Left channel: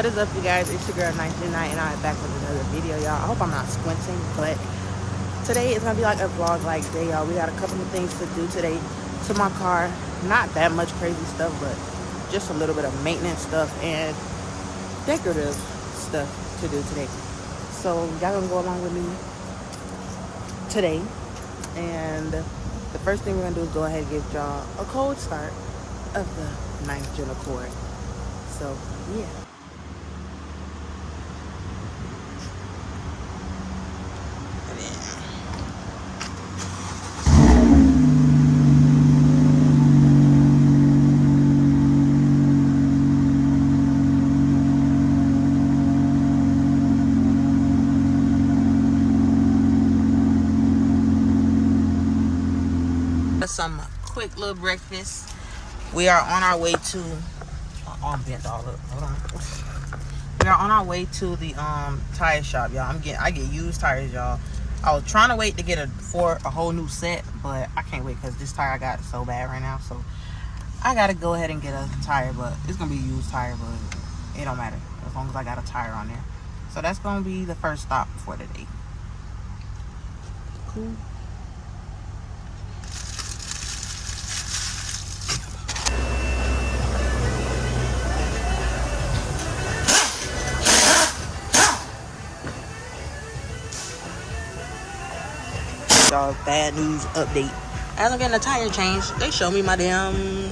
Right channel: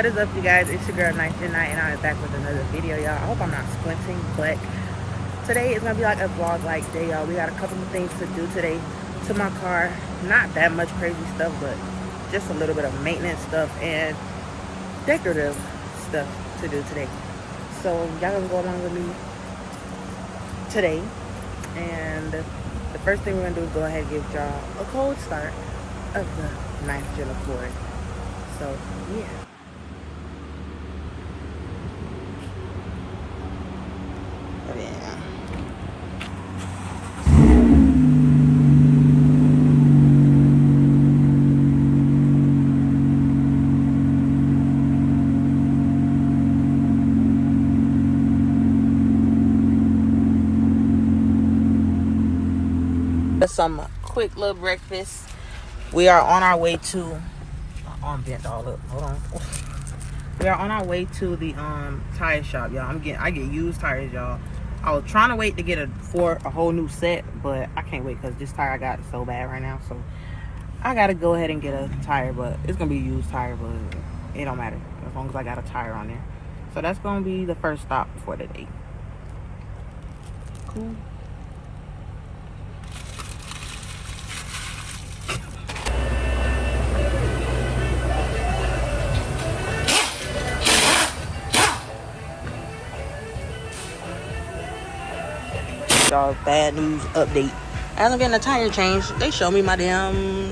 What is up, you guys? It's your girl Nice Night, and I'm back with another video, y'all. I hope I'm not squinting, but today is gonna be like a vlog like day, y'all. We got a couple of things to do today to my car. Not that much crazy stuff, but just a little bit of maintenance stuff and decorative stuff to do today. So y'all gonna go along with me today, and the first thing we're gonna do is go ahead and give y'all a cold start of the 9th Gen Accord. So yeah. Some quick little breakfast. We are on our way to arm bent all up. Hold on. We are on our way to the tire shop, y'all. I get used tires, y'all. I was trying to wait to get a whole new set, but I can't wait because this tire I got so bad right now. So I gotta go ahead and get a tire, but it's gonna be a used tire, but it don't matter as long as I got a tire on there. So that's gonna be the first stop for the day. Cool. Y'all, bad news update. As I'm getting a tire change, they show me my damn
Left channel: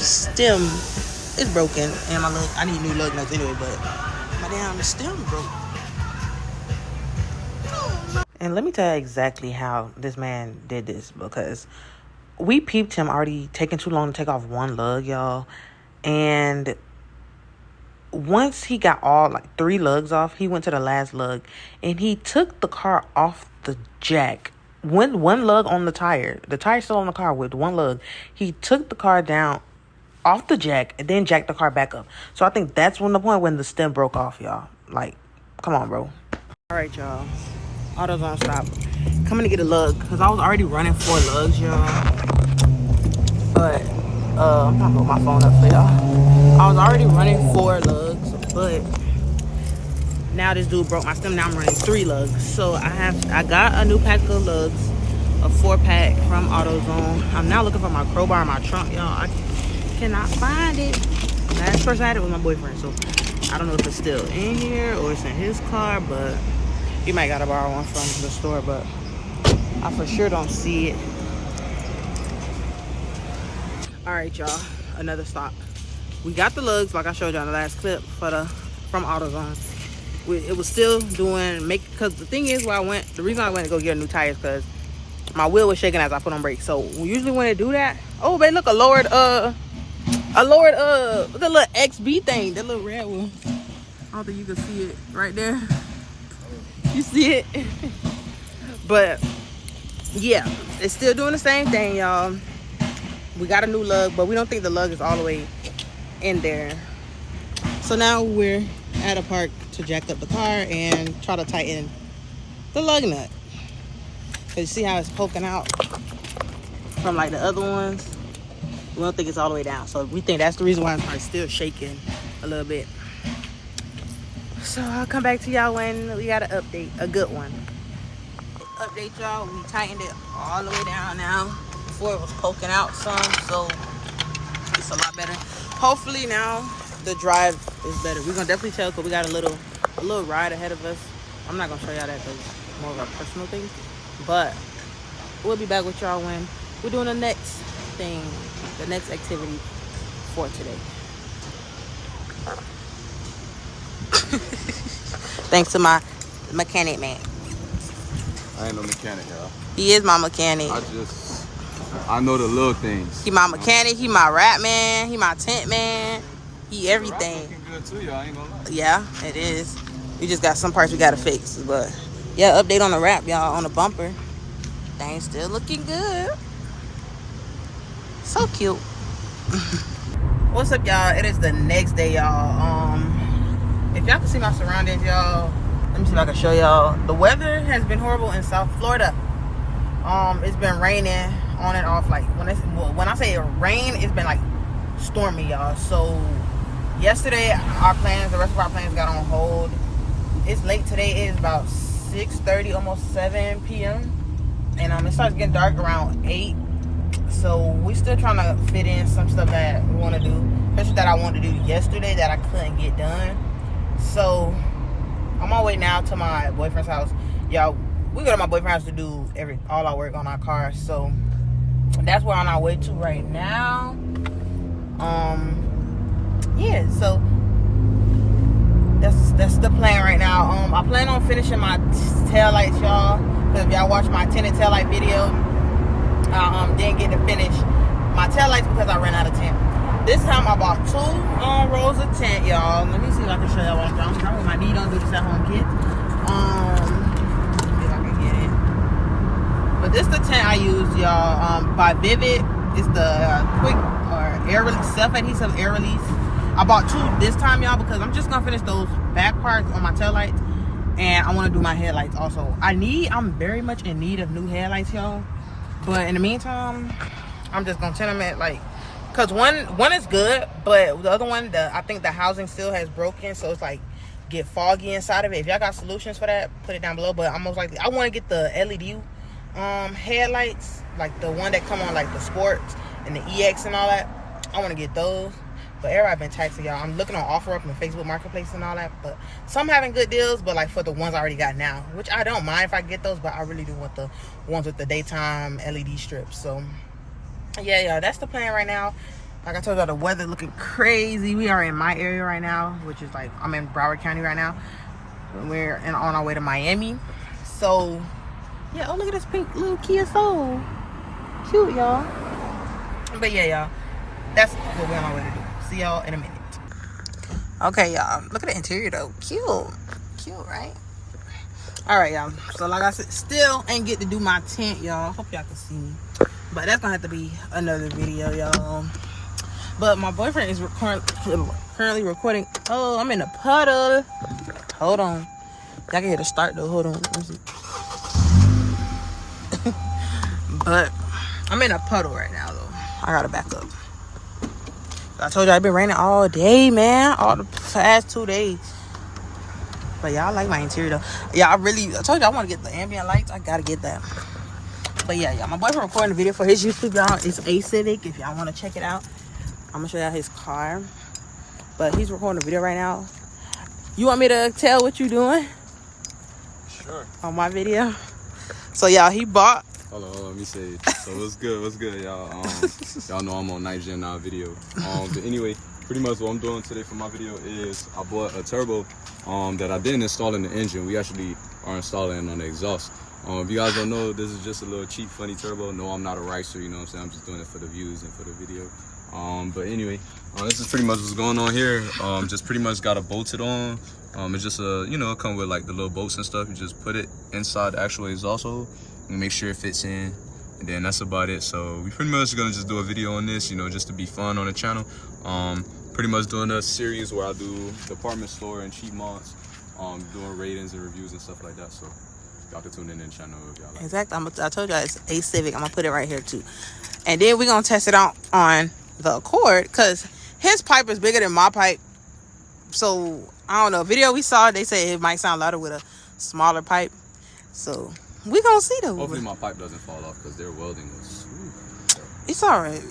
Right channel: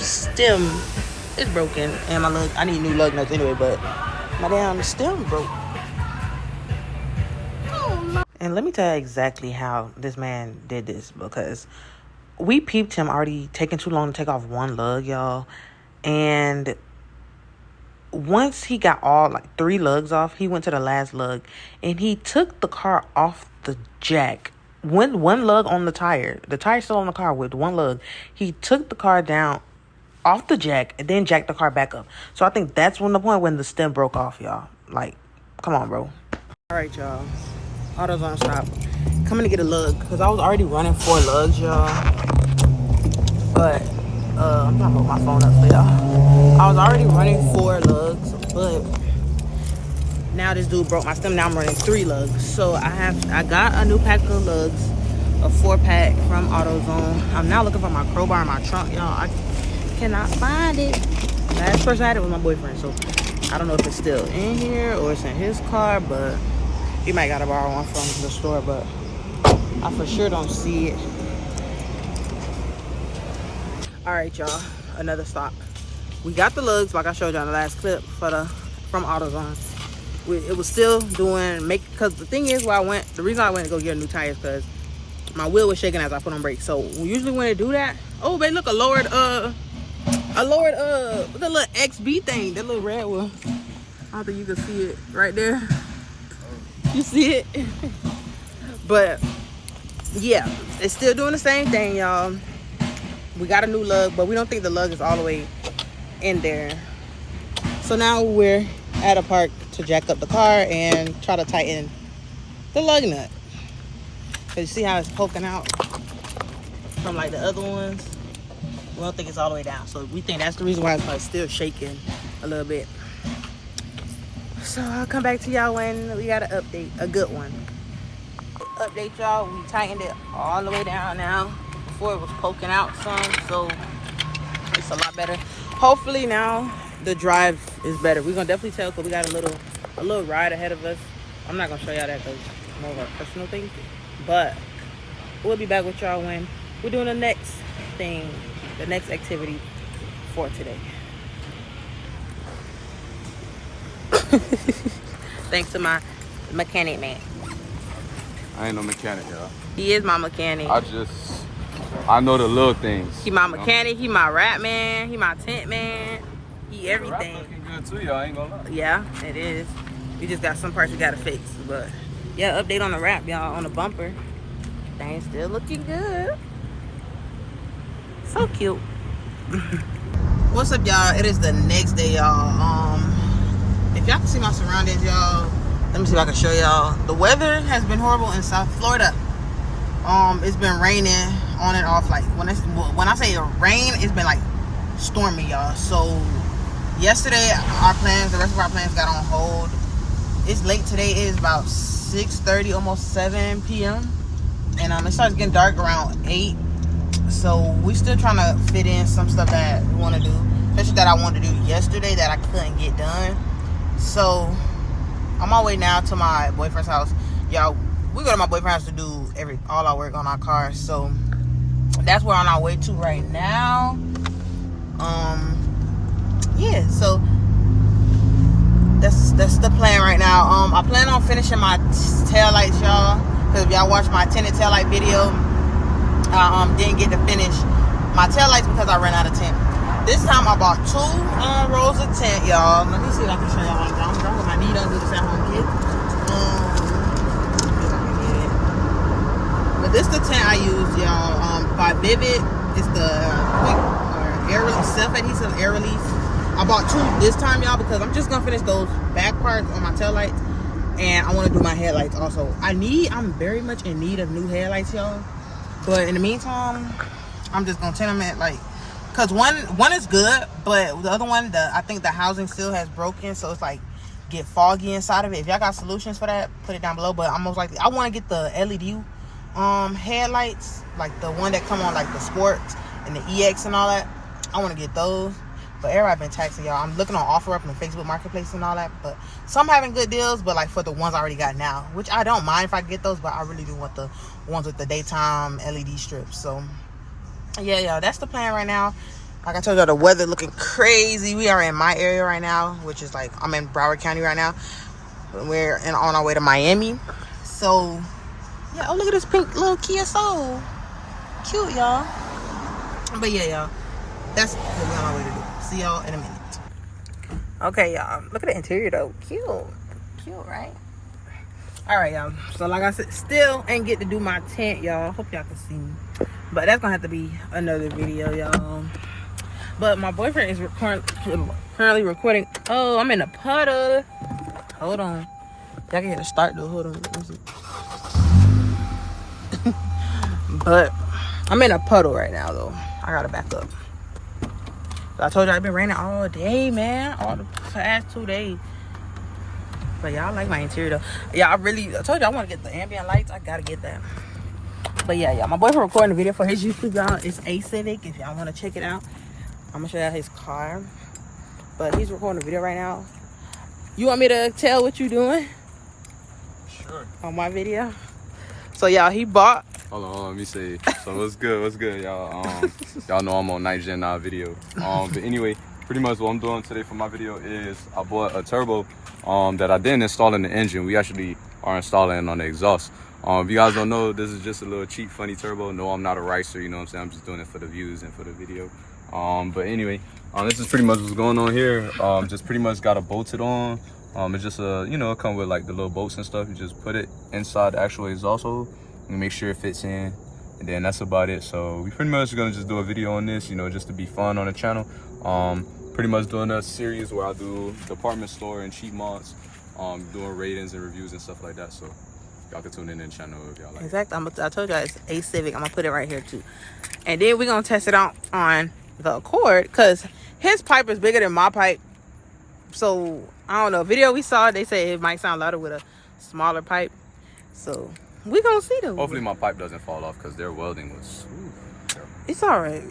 stem is broken, and I need new lug nuts anyway, but my damn stem broke. And let me tell you exactly how this man did this, because we peeped him already taking too long to take off one lug, y'all, and once he got all 3 lugs off, he went to the last lug and he took the car off the jack. One lug on the tire's still on the car with one lug. He took the car down off the jack and then jacked the car back up. So I think that's the point when the stem broke off, y'all. Like, come on, bro. All right, y'all. AutoZone stop. Coming to get a lug because I was already running 4 lugs, y'all. But I'm trying to hold my phone up for y'all. I was already running 4 lugs, but now this dude broke my stem. Now I'm running 3 lugs. So I got a new pack of lugs, a 4-pack from AutoZone. I'm now looking for my crowbar in my trunk, y'all. I cannot find it. Last person I had it was my boyfriend, so I don't know if it's still in here or it's in his car, but he might gotta borrow one from the store, but I for sure don't see it. All right, y'all, another stop. We got the lugs like I showed y'all in the last clip from AutoZone. It was still doing because the thing is, the reason I went to go get a new tire is because my wheel was shaking as I put on brakes. So usually when they do that, oh babe, look, a lowered the little XB thing, that little red one. I don't think you can see it right there. You see it? But yeah, it's still doing the same thing, y'all. We got a new lug, but we don't think the lug is all the way in there. So now we're at a park to jack up the car and try to tighten the lug nut. Cause you see how it's poking out from the other ones? We don't think it's all the way down. So we think that's the reason why the car's still shaking a little bit. So I'll come back to y'all when we got an update, a good one. Update y'all, we tightened it all the way down now. Before it was poking out some, so it's a lot better. Hopefully now the drive is better. We're gonna definitely tell because we got a little ride ahead of us. I'm not gonna show y'all that because it's more of a personal thing, but we'll be back with y'all when we're doing the next thing, the next activity for today. Thanks to my mechanic man. I ain't no mechanic, y'all. He is my mechanic. I know the little things. He my mechanic, he my wrap man, he my tent man, he everything. The looking good too, y'all, ain't gonna lie. Yeah, it is. We just got some parts we gotta fix, but yeah, update on the wrap, y'all, on the bumper. Things still looking good. So cute. What's up, y'all? It is the next day, y'all. If y'all can see my surroundings, y'all, let me see if I can show y'all. The weather has been horrible in South Florida. It's been raining on and off. When I say rain, it's been stormy, y'all. So yesterday, the rest of our plans got on hold. It's late today. It is about 6:30, almost 7 p.m. And it starts getting dark around 8. So we still trying to fit in some stuff that we want to do, especially that I wanted to do yesterday that I couldn't get done. So on my way now to my boyfriend's house. Y'all, we go to my boyfriend's house to do all our work on our car. So that's where we're on our way to right now. Yeah, so that's the plan right now. I plan on finishing my tail lights, y'all, because if y'all watch my tinted tail light video, I didn't get to finish my tail lights because I ran out of tint. This time I bought 2 rolls of tint, y'all. Let me see if I can show y'all what I'm doing with my knee. Don't do this at home, kids. See if I can get it. But this is the tint I use, y'all. By Vivid. It's the quick air release, self-adhesive air release. I bought 2 this time, y'all, because I'm just gonna finish those back parts on my tail lights, and I want to do my headlights also. I'm very much in need of new headlights, y'all. But in the meantime, I'm just gonna tint them at cause one is good, but the other one, I think the housing still has broken, so it's get foggy inside of it. If y'all got solutions for that, put it down below. But I'm most likely I want to get the LED headlights, like the one that come on the sports and the EX and all that. I want to get those. But everybody been taxing, y'all. I'm looking on OfferUp and Facebook Marketplace and all that. But some having good deals, but for the ones I already got now, which I don't mind if I get those, but I really do want the ones with the daytime LED strips. So yeah, y'all, that's the plan right now. Like I told y'all, the weather looking crazy. We are in my area right now, which is I'm in Broward County right now. We're on our way to Miami. So yeah, oh, look at this pink little Kia Soul. Cute, y'all. But yeah, y'all, that's what we're on our way to do. See y'all in a minute. Okay, y'all, look at the interior though. Cute, right? All right, y'all, so like I said, still ain't get to do my tent, y'all. Hope y'all can see me, but that's gonna have to be another video, y'all. But my boyfriend is currently recording. Oh, I'm in a puddle. Hold on, y'all can hear the start though. Hold on, let me see. But I'm in a puddle right now though. I gotta back up. I told you I've been raining all day, man. All the past 2 days. But y'all like my interior though. Yeah, I told you I want to get the ambient lights. I gotta get that. But yeah, y'all, my boyfriend recording a video for his YouTube channel. It's A Civic. If y'all want to check it out, I'm gonna show y'all his car. But he's recording a video right now. You want me to tell what you doing? Sure. On my video. So y'all, he bought. Hold on, let me say. So what's good, y'all? Y'all know I'm on Night Gen now video. But anyway, pretty much what I'm doing today for my video is I bought a turbo that I didn't install in the engine. We actually are installing it on the exhaust. If you guys don't know, this is just a little cheap, funny turbo. No, I'm not a racer, you know what I'm saying? I'm just doing it for the views and for the video. But anyway, this is pretty much what's going on here. Just pretty much got it bolted on. It's just it come with the little bolts and stuff. You just put it inside the actual exhaust hole. Make sure it fits in, and then that's about it. So we pretty much gonna just do a video on this, just to be fun on the channel. Pretty much doing a series where I do department store and cheap mods, doing ratings and reviews and stuff like that. So y'all can tune in the channel if y'all like. Exactly. I told y'all it's A Civic. I'm gonna put it right here too, and then we're gonna test it out on the Accord because his pipe is bigger than my pipe. So I don't know. Video we saw, they say it might sound louder with a smaller pipe. So we gonna see though. Hopefully my pipe doesn't fall off because their welding was. It's all right.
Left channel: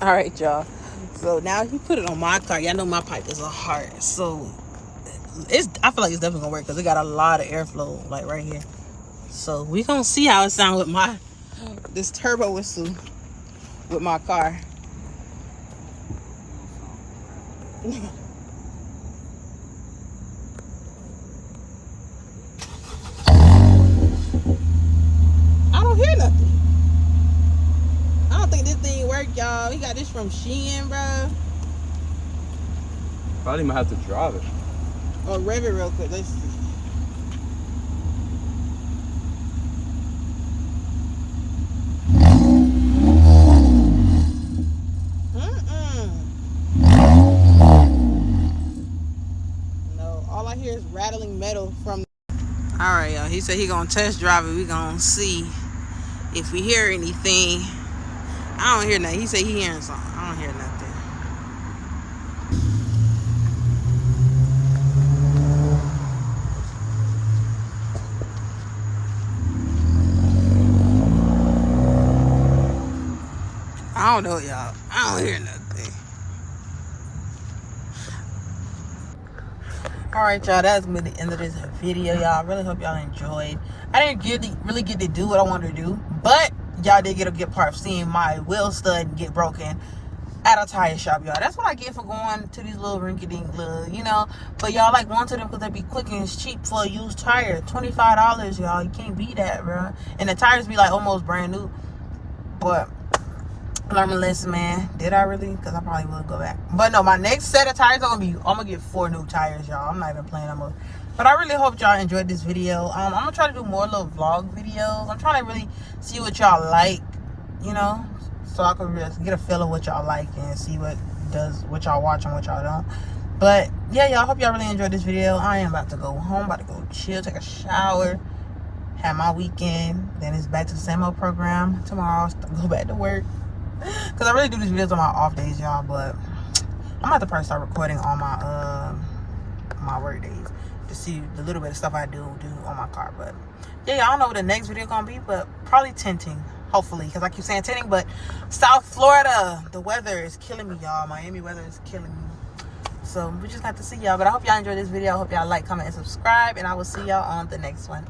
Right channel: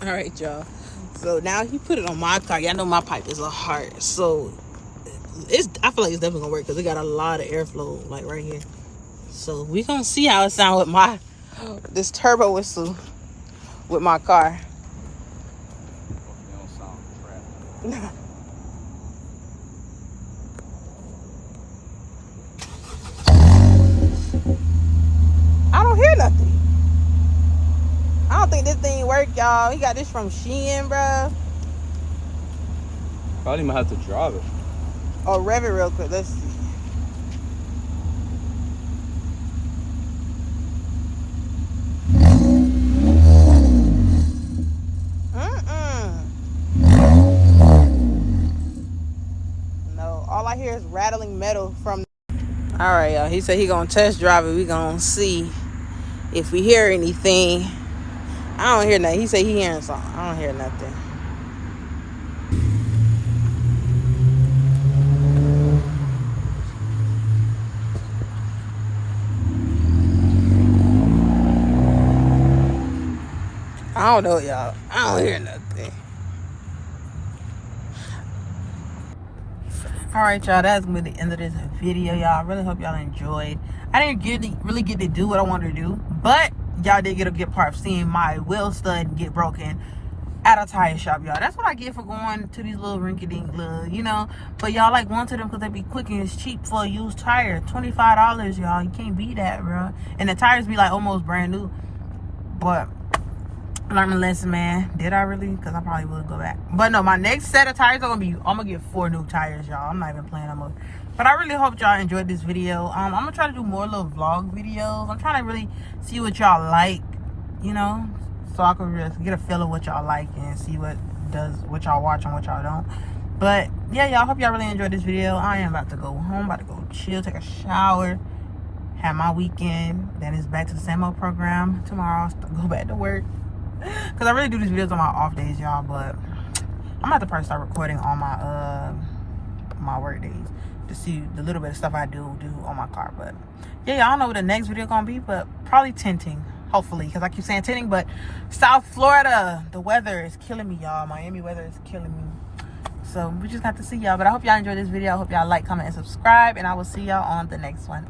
All right, y'all. So now he put it on my car. Y'all know my pipe is a heart, so I feel like it's definitely gonna work because it got a lot of airflow right here. So we gonna see how it sounds with this turbo whistle with my car. I don't hear nothing. I don't think this thing work, y'all. He got this from Shein, bro. Probably might have to drive it. Oh, rev it real quick. Let's see. No, all I hear is rattling metal from. All right, y'all. He said he gonna test drive it. We gonna see if we hear anything. I don't hear nothing. He said he hearing something. I don't hear nothing. I don't know, y'all. I don't hear nothing. Alright, y'all. That's gonna be the end of this video, y'all. I really hope y'all enjoyed. I didn't really get to do what I wanted to do, but y'all did get a good part of seeing my wheel stud get broken at a tire shop, y'all. That's what I get for going to these little rinky-dink little, you know. But y'all like going to them because they be quick and it's cheap for a used tire. $25, y'all. You can't beat that, bro. And the tires be like almost brand new. But learn my lesson, man. Did I really? Because I probably will go back. But no, my next set of tires are gonna be, I'm gonna get 4 new tires, y'all. I'm not even playing no more. But I really hope y'all enjoyed this video. I'm gonna try to do more little vlog videos. I'm trying to really see what y'all like, you know, so I can just get a feel of what y'all like and see what y'all watch and what y'all don't. But yeah, y'all, hope y'all really enjoyed this video. I am about to go home, about to go chill, take a shower, have my weekend. Then it's back to the same old program tomorrow. Go back to work. Because I really do these videos on my off days, y'all. But I'm about to probably start recording on my my work days to see the little bit of stuff I do on my car. But yeah, I don't know what the next video gonna be, but probably tinting, hopefully, because I keep saying tinting. But South Florida, the weather is killing me, y'all. Miami weather is killing me. So we just have to see, y'all. But I hope y'all enjoyed this video. I hope y'all like, comment, and subscribe, and I will see y'all on the next one.